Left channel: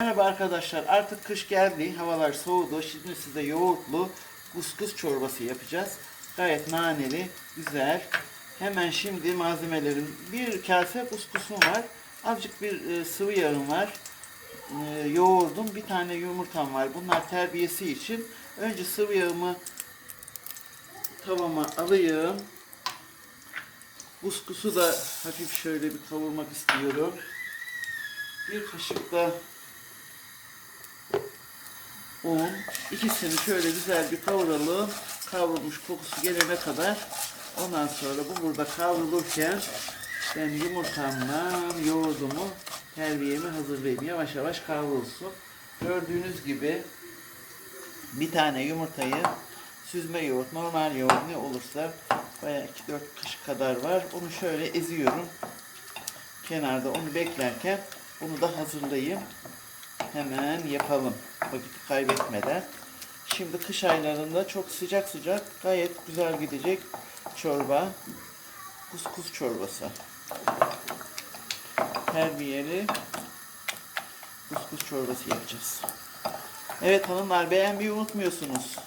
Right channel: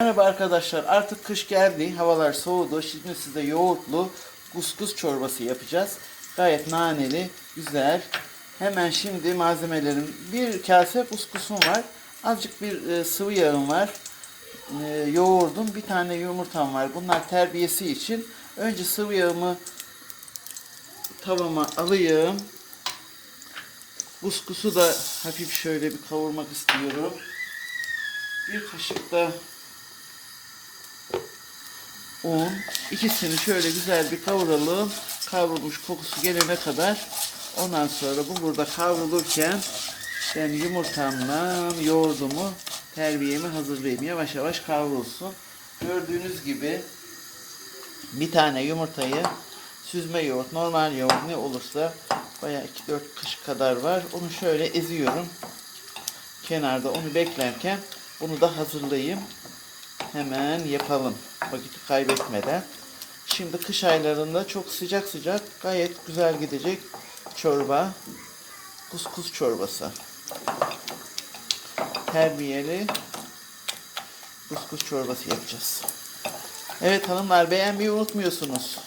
Merhaba arkadaşlar artık kış geldi havalar soğudu. Şimdi size yoğurtlu kuskus çorbası yapacağız. Gayet naneli güzel. Hemen şimdi malzemelerim. Bir kase kuskusum var azıcık bir e, sıvı yağım var e, yoğurdum bir tane yumurtam var. Bunlar terbiyesi için. Önce sıvı yağımı tavama alayım. Kuskusu da hafif şöyle bir kavurmak istiyorum. Bir kaşık da un. İkisini şöyle güzel bir kavuralım. Kavrulmuş kokusu gelene kadar. Ondan sonra bu burada kavrulurken ben yumurtamla yoğurdumu terbiyemi hazırlayayım. Yavaş yavaş kavrulsun. Gördüğünüz gibi bir tane yumurtayı süzme yoğurt, normal yoğurt ne olursa bayağı 2-4 kaşık kadar var. Onu şöyle eziyorum. Kenarda onu beklerken bunu da hazırlayayım. Hemen yapalım. Vakit kaybetmeden. Şimdi kış aylarında çok sıcak sıcak gayet güzel gidecek çorba. Kuskus çorbası. Terbiyeli kuskus çorbası yapacağız. Evet hanımlar beğenmeyi unutmuyorsunuz.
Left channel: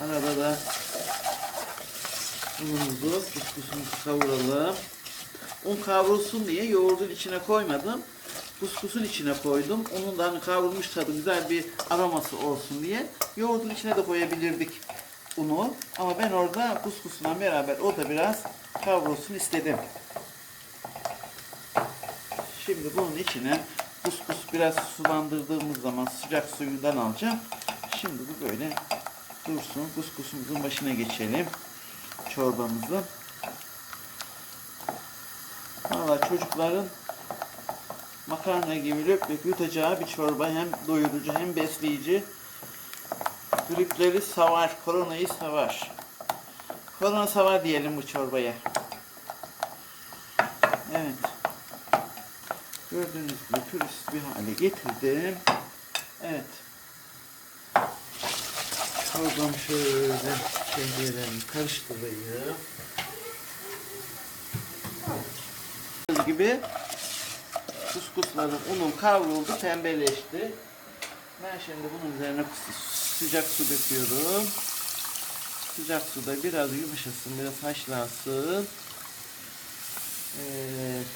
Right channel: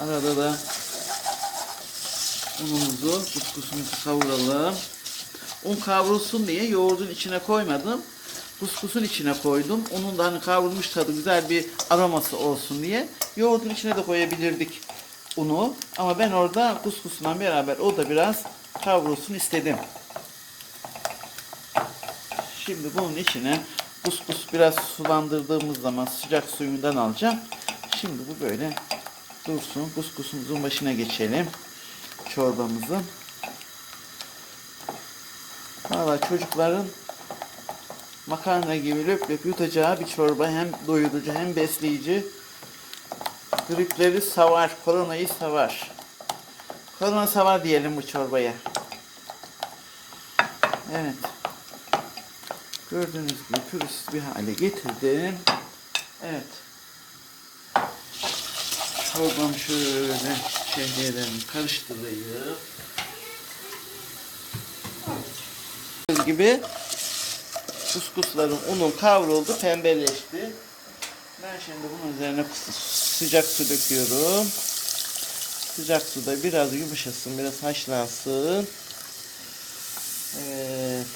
Arada da unumuzu, kuskusumuzu kavuralım. Un kavrulsun diye yoğurdun içine koymadım. Kuskusun içine koydum. Onun da hani kavrulmuş tadı güzel bir aroması olsun diye. Yoğurdun içine de koyabilirdik unu. Ama ben orada kuskusla beraber o da biraz kavrulsun istedim. Şimdi bunun içine kuskus biraz sulandırdığımız zaman sıcak suyundan alacağım. Şimdi bu böyle dursun. Kuskusumuzun başına geçelim. Çorbamızın. Valla çocukların makarna gibi löp löp yutacağı bir çorba hem doyurucu hem besleyici. Gripleri savar, koronayı savar. Korona savar diyelim bu çorbaya. Evet. Gördüğünüz gibi pürüzsüz bir hale getirdim. Evet. Çorbam şöyle şehriyelerimi karıştırayım. Gördüğünüz gibi kuskusların unu kavruldu, pembeleşti. Ben şimdi bunun üzerine sıcak su döküyorum. Sıcak suda biraz yumuşasın, biraz haşlansın. Evet.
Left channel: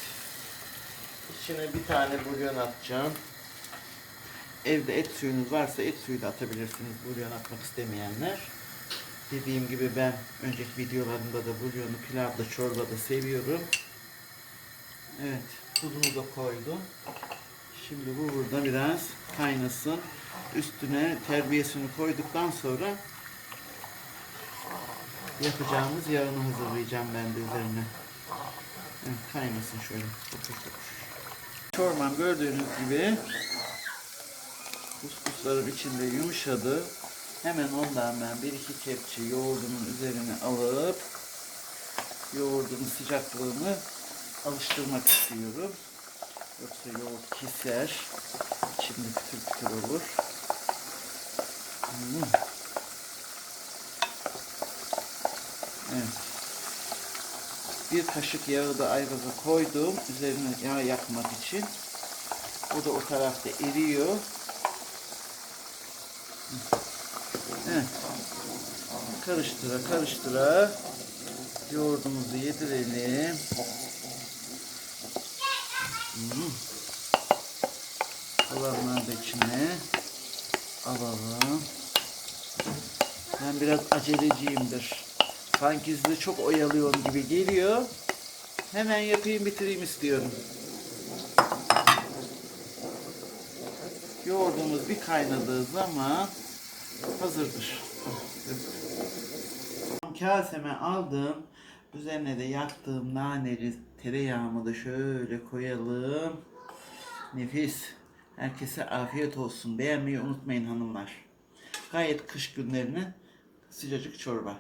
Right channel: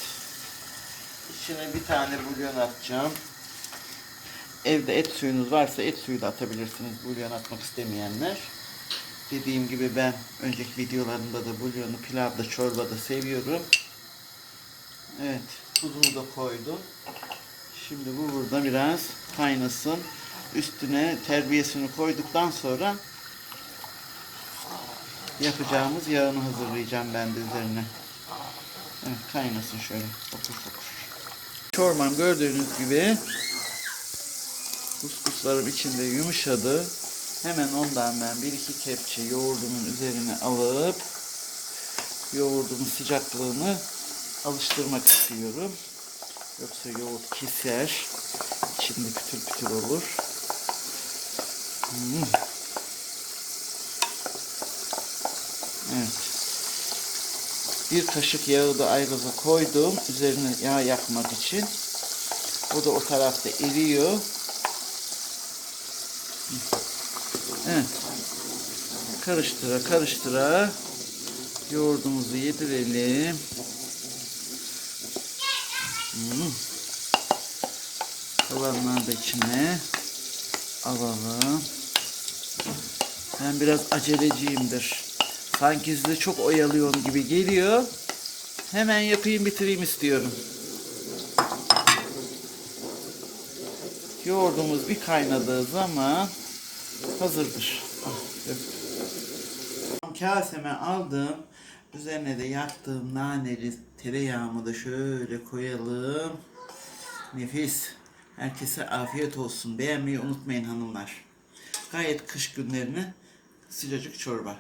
İçine bir tane bulyon atacağım. Evde et suyunuz varsa et suyu da atabilirsiniz bulyon atmak istemeyenler. Dediğim gibi ben önceki videolarımda da bulyonu pilavda, çorbada seviyorum. Evet, tuzunu da koydum. Şimdi bu burada biraz kaynasın. Üstüne terbiyesini koyduktan sonra yapacağımız yağını hazırlayacağım ben de üzerine. Evet, kaynasın şöyle. Fokur fokur. Çorbam gördüğünüz gibi kuskuslarım içinde yumuşadı. Hemen ondan ben bir iki kepçe yoğurdumun üzerine alıp yoğurdumun sıcaklığını alıştırmak istiyorum. Yoksa yoğurt keser. İçinde pütür pütür olur. Hmm. Evet. Bir kaşık yağı da aygaza koydum. Üzerine yağ yakmak için. O da o tarafta eriyor. Evet. Karıştıra karıştıra yoğurdumuzu yedirelim. Hmm. Kalanları da içine alalım. Ben biraz aceleciyimdir. Sanki sizi çok oyalıyorum gibi geliyor. Hemen yapayım bitireyim istiyorum. Yoğurdumuz bir kaynadığı zaman hazırdır. Kaseme aldım. Üzerine de yaktığım naneli tereyağımı da şöyle koyalım. Nefis. Herkese afiyet olsun. Beğenmeyi unutmayın hanımlar. Gayet kış günlerine sıcacık çorba.